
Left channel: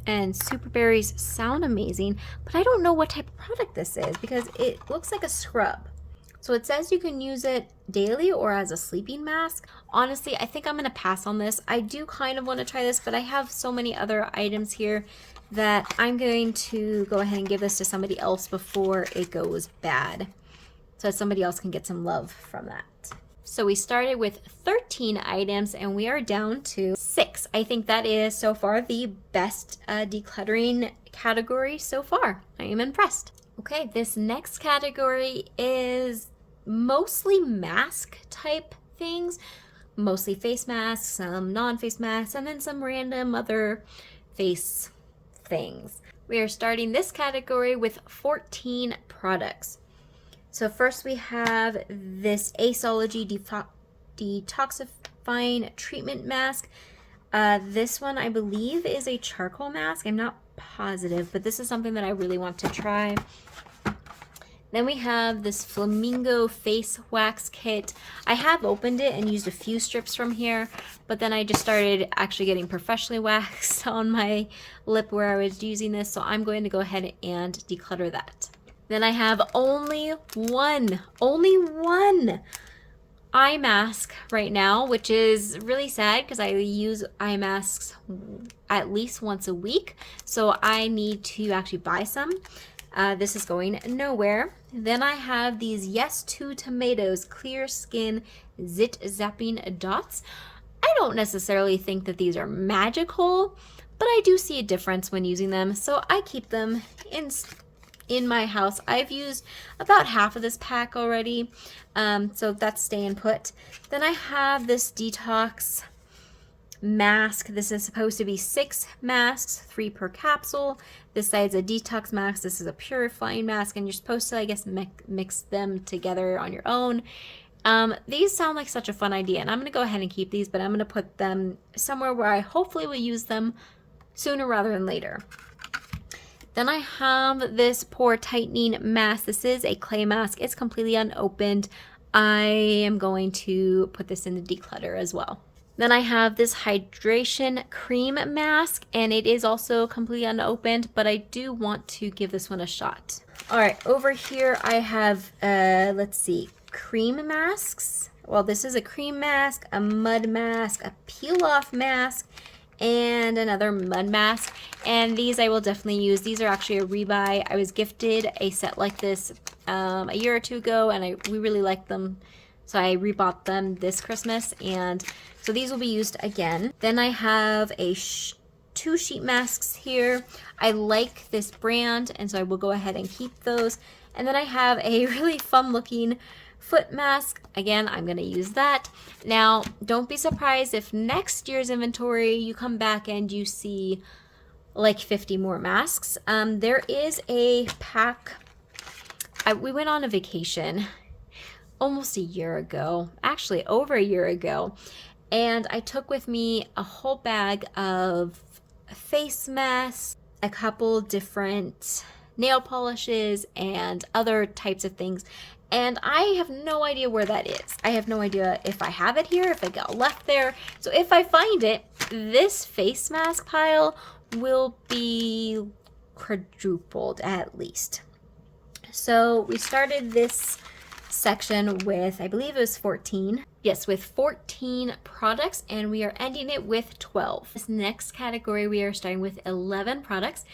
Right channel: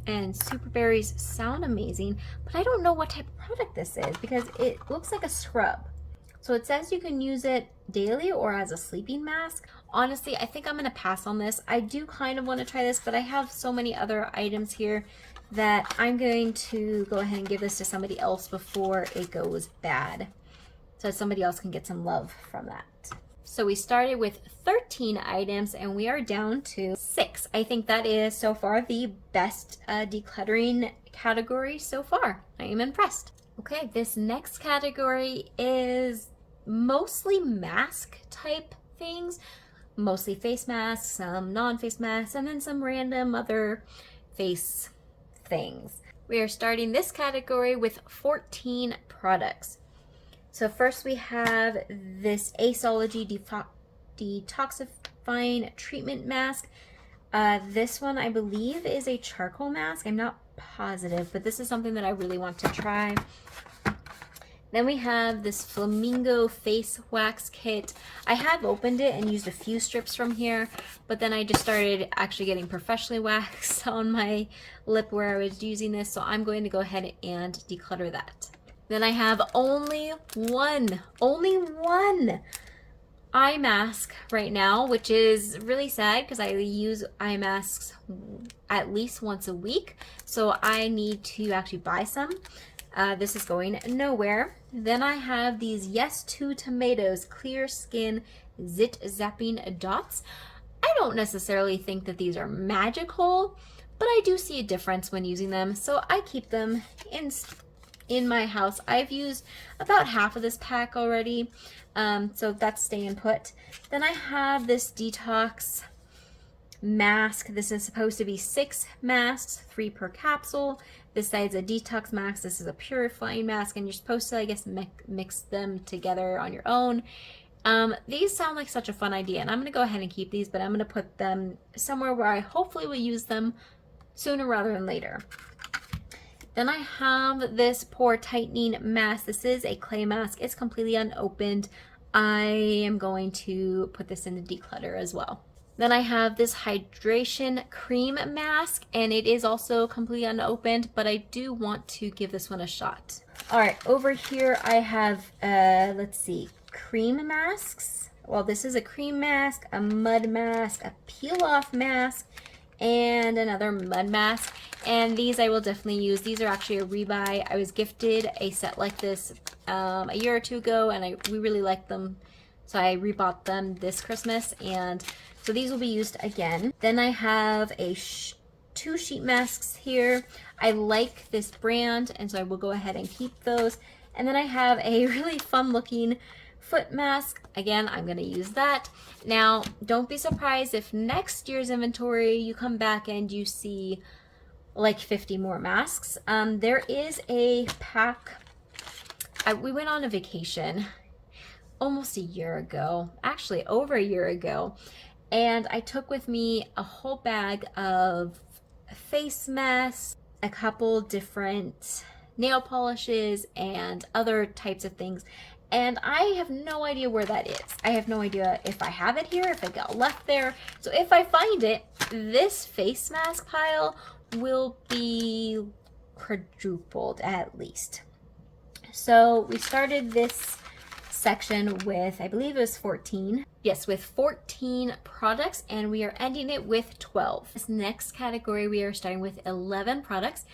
and super berries sound amazing, but I don't know what type of product this is because it looks like a scrub. So it says you can use it daily or as a sleeping mask. Honestly, I think I'm going to pass on this. I do kind of want to try this, but I have so many other items here that I'm going to go ahead and give this to somebody else before it goes bad, so somebody else can get some love from that. So we started with 13 items and we are down to 6. I think that is so far the best decluttering category so far. I am impressed. Okay, this next category is mostly mask type things, mostly face masks, some non-face masks, and then some random other face things. We are starting this category with 14 products. So first we have this Aceology Detoxifying Treatment Mask. This one I believe is a charcoal mask. I'm not positive, but this is something that I really want to try. Then we have this Flamingo Face Wax Kit. I have opened it and used a few strips from here, but then I just started actually getting professionally waxed on my lip where I was using this, so I'm going to go ahead and declutter that. Then I have only one eye mask right now, which is really sad because I use eye masks at least once a week, so I need to actually buy some. This is going nowhere. Then I have these Yes to Tomatoes Clear Skin Zit Zapping Dots. I don't necessarily think that these are magical, but I do see a difference when using them, so I keep them in my house. I've used about half of this pack already, so that's staying put. Then I have this detox mask. This is supposed to be 6 masks, 3 per capsule. This side's a detox mask, this is a purifying mask, and you're supposed to, I guess, mix them together on your own. These sound like such a fun idea, and I'm going to go ahead and keep these, but I'm going to put them somewhere where I hopefully will use them sooner rather than later. Then I have this pore tightening mask. This is a clay mask. It's completely unopened. I am going to put this in the declutter as well. Then I have this hydration cream mask, and it is also completely unopened, but I do want to give this one a shot. All right, over here I have, let's see, cream masks. Well, this is a cream mask, a mud mask, a peel-off mask, and another mud mask. And these I will definitely use. These are actually a rebuy. I was gifted a set like this a year or two ago, and we really liked them, so I rebought them this Christmas, and so these will be used again. Then I have a 2 sheet masks here. I like this brand, and so I will go ahead and keep those. And then I have a really fun looking foot mask. Again, I'm going to use that. Now, don't be surprised if next year's inventory you come back and you see like 50 more masks. There is a pack. We went on a vacation almost a year ago, actually over a year ago, and I took with me a whole bag of face masks, a couple different nail polishes, and other types of things. And I have no idea where that is. I have no idea if I have it here, if it got left there. So if I find it, this face mask pile will be quadrupled at least. So we started this section with, I believe it was 14. Yes, with 14 products, and we are ending it with 12. This next category, we are starting with 11 products,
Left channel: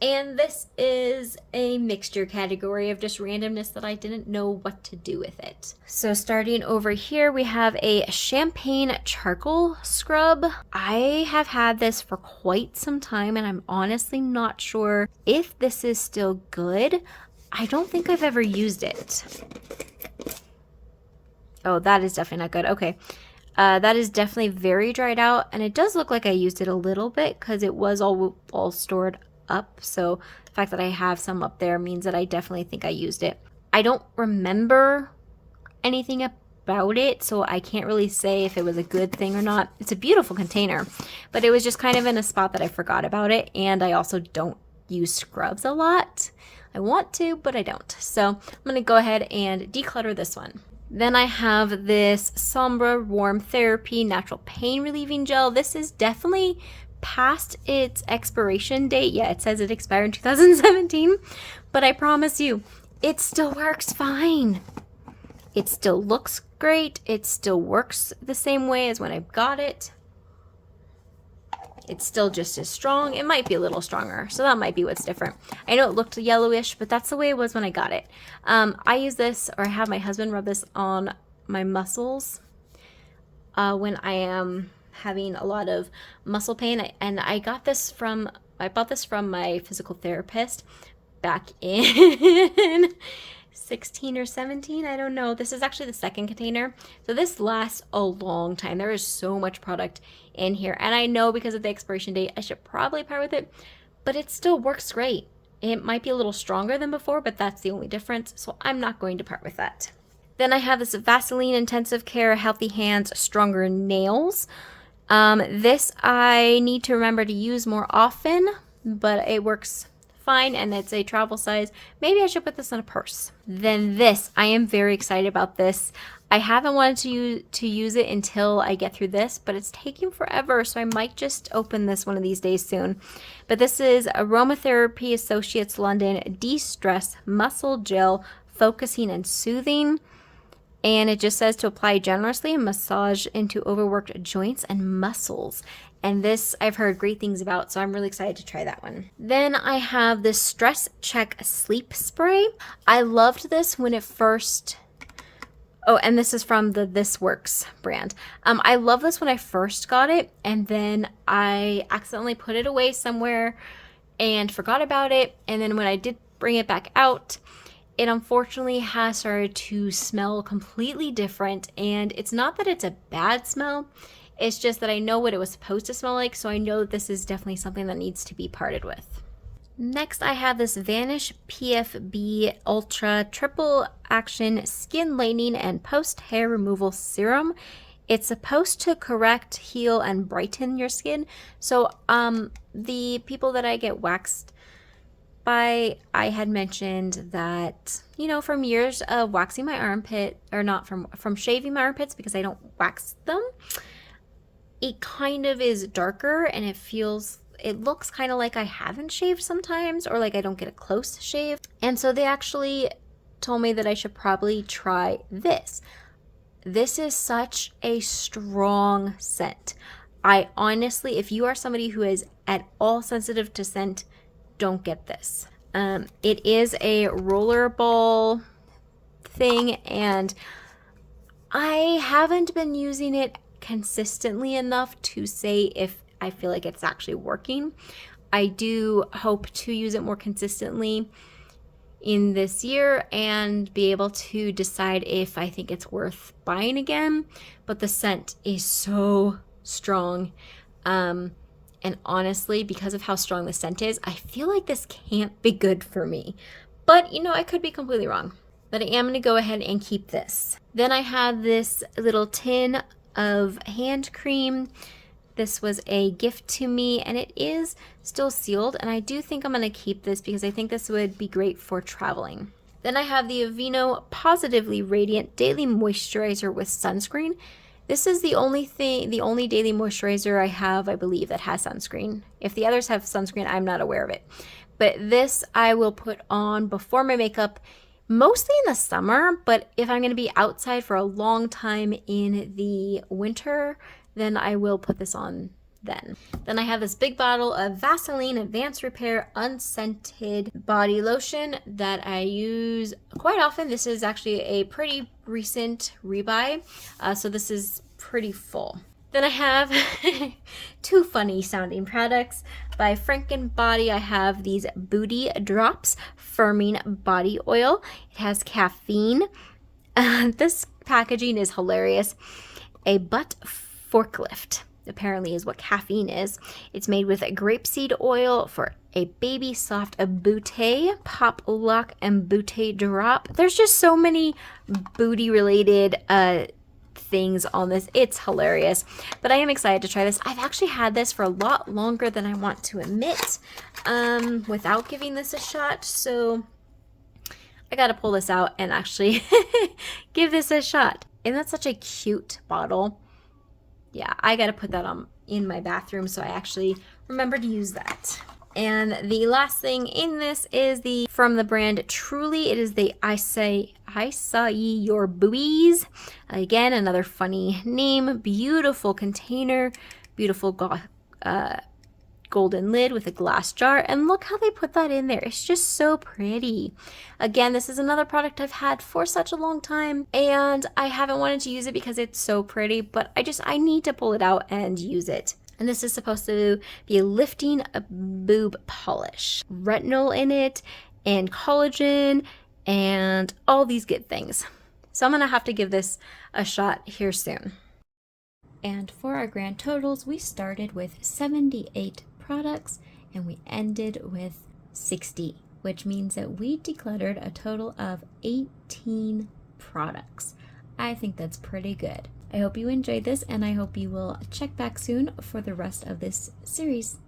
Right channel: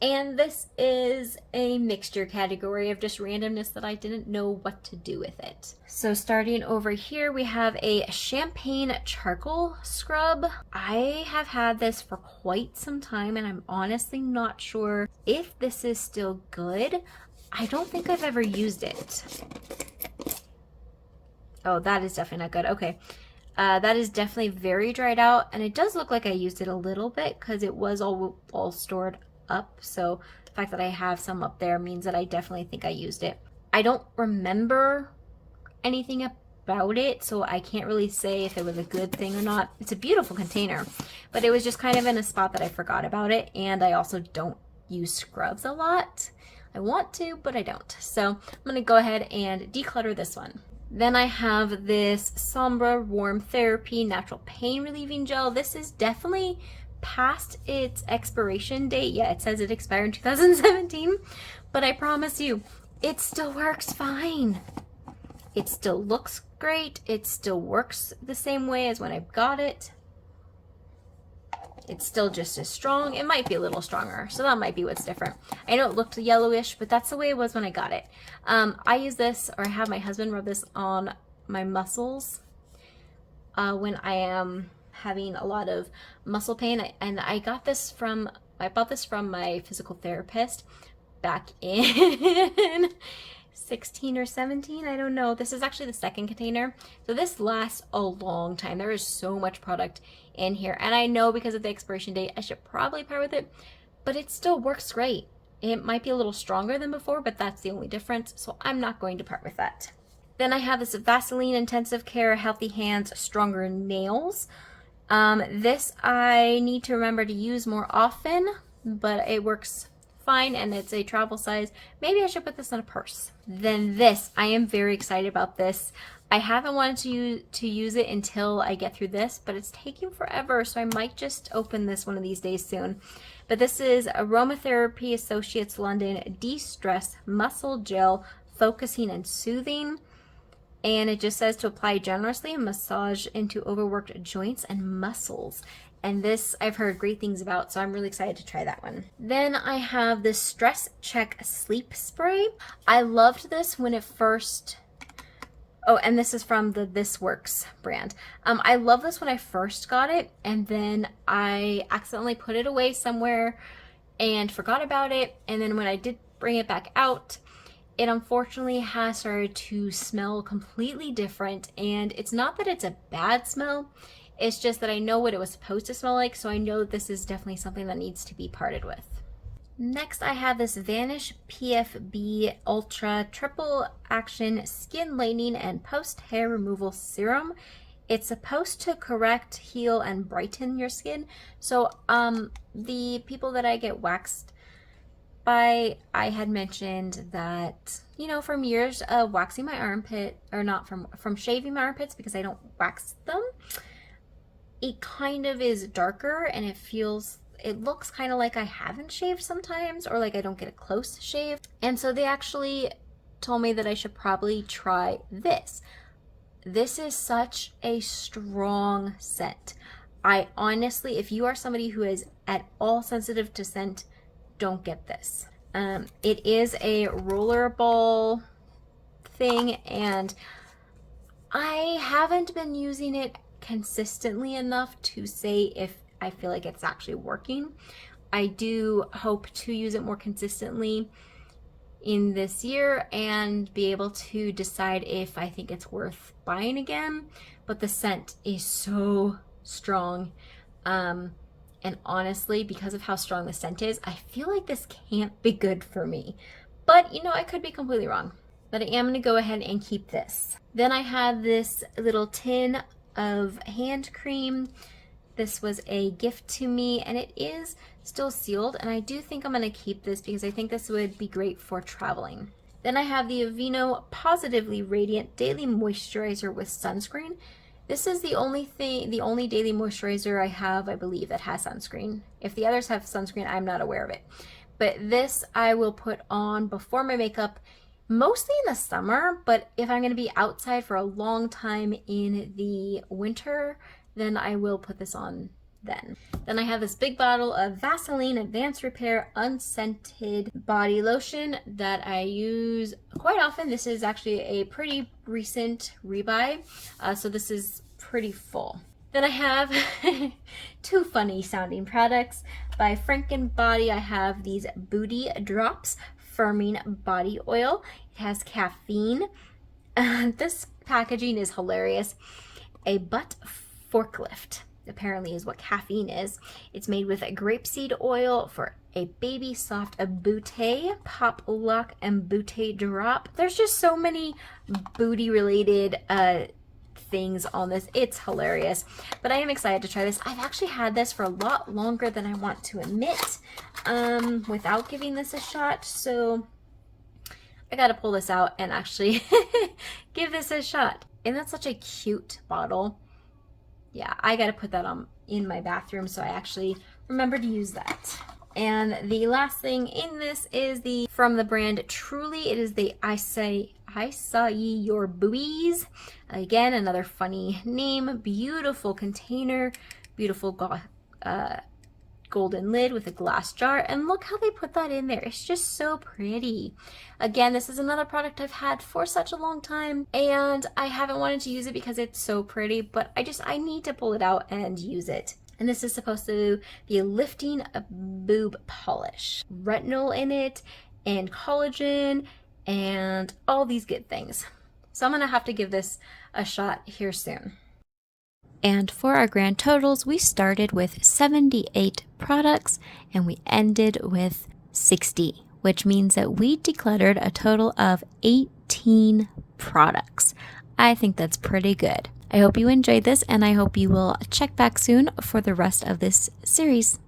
and this is a mixture category of just randomness that I didn't know what to do with it. So starting over here, we have a champagne charcoal scrub. I have had this for quite some time, and I'm honestly not sure if this is still good. I don't think I've ever used it. Oh, that is definitely not good. Okay. That is definitely very dried out, and it does look like I used it a little bit because it was all stored up. So the fact that I have some up there means that I definitely think I used it. I don't remember anything about it, so I can't really say if it was a good thing or not. It's a beautiful container, but it was just kind of in a spot that I forgot about it, and I also don't use scrubs a lot. I want to, but I don't. So I'm going to go ahead and declutter this one. Then I have this Sombra Warm Therapy Natural Pain Relieving Gel. This is definitely past its expiration date. Yeah, it says it expired in 2017, but I promise you, it still works fine. It still looks great. It still works the same way as when I got it. It's still just as strong. It might be a little stronger, so that might be what's different. I know it looked yellowish, but that's the way it was when I got it. I use this, or I have my husband rub this on my muscles when I am having a lot of muscle pain. And I bought this from my physical therapist back in 16 or 17, I don't know. This is actually the second container, so this lasts a long time. There is so much product in here, and I know because of the expiration date I should probably part with it, but it still works great. It might be a little stronger than before, but that's the only difference, so I'm not going to part with that. Then I have this Vaseline Intensive Care Healthy Hands Stronger Nails. This I need to remember to use more often, but it works fine and it's a travel size. Maybe I should put this in a purse. Then this, I am very excited about this. I haven't wanted to use it until I get through this, but it's taking forever, so I might just open this one of these days soon. But this is Aromatherapy Associates London De-Stress Muscle Gel Focusing and Soothing. And it just says to apply generously and massage into overworked joints and muscles. And this I've heard great things about, so I'm really excited to try that one. Then I have the Stress Check Sleep Spray. I loved this when it first... Oh, and this is from the This Works brand. I love this when I first got it, and then I accidentally put it away somewhere and forgot about it. And then when I did bring it back out, it unfortunately has started to smell completely different. And it's not that it's a bad smell, it's just that I know what it was supposed to smell like, so I know that this is definitely something that needs to be parted with. Next, I have this Vanish PFB Ultra Triple Action Skin Lightening and Post Hair Removal Serum. It's supposed to correct, heal, and brighten your skin. So the people that I get waxed by, I had mentioned that, you know, from years of waxing my armpit, or not from shaving my armpits because I don't wax them, it kind of is darker and it looks kind of like I haven't shaved sometimes, or like I don't get a close shave. And so they actually told me that I should probably try this. This is such a strong scent. I honestly, if you are somebody who is at all sensitive to scent, don't get this. It is a rollerball thing, and I haven't been using it consistently enough to say if I feel like it's actually working. I do hope to use it more consistently in this year and be able to decide if I think it's worth buying again. But the scent is so strong. And honestly, because of how strong the scent is, I feel like this can't be good for me. But, you know, I could be completely wrong. But I am going to go ahead and keep this. Then I have this little tin of hand cream. This was a gift to me, and it is still sealed, and I do think I'm going to keep this because I think this would be great for traveling. Then I have the Aveeno Positively Radiant Daily Moisturizer with Sunscreen. This is the only daily moisturizer I have, I believe, that has sunscreen. If the others have sunscreen, I'm not aware of it. But this I will put on before my makeup, mostly in the summer, but if I'm going to be outside for a long time in the winter, then I will put this on then. Then I have this big bottle of Vaseline Advanced Repair Unscented Body Lotion that I use quite often. This is actually a pretty recent rebuy, so this is pretty full. Then I have two funny sounding products. By Franken Body, I have these Booty Drops Firming Body Oil. It has caffeine. This packaging is hilarious. A butt forklift apparently is what caffeine is. It's made with a grapeseed oil for a baby soft booty, pop lock, and booty drop. There's just so many booty related things on this. It's hilarious, but I am excited to try this. I've actually had this for a lot longer than I want to admit without giving this a shot, so I gotta pull this out and actually give this a shot. And that's such a cute bottle. Yeah, I gotta put that on in my bathroom so I actually remember to use that. And the last thing in this is from the brand Truly. It is the I Saw Your Boobies. Again, another funny name. Beautiful container, beautiful golden lid with a glass jar, and look how they put that in there. It's just so pretty. Again, this is another product I've had for such a long time, and I haven't wanted to use it because it's so pretty, but I need to pull it out and use it. And this is supposed to be a lifting boob polish. Retinol in it, and collagen, and all these good things. So I'm gonna have to give this a shot here soon. And for our grand totals, we started with 78 products and we ended with 60 which means that we decluttered a total of 18 products. I think that's pretty good. I hope you enjoyed this, and I hope you will check back soon for the rest of this series.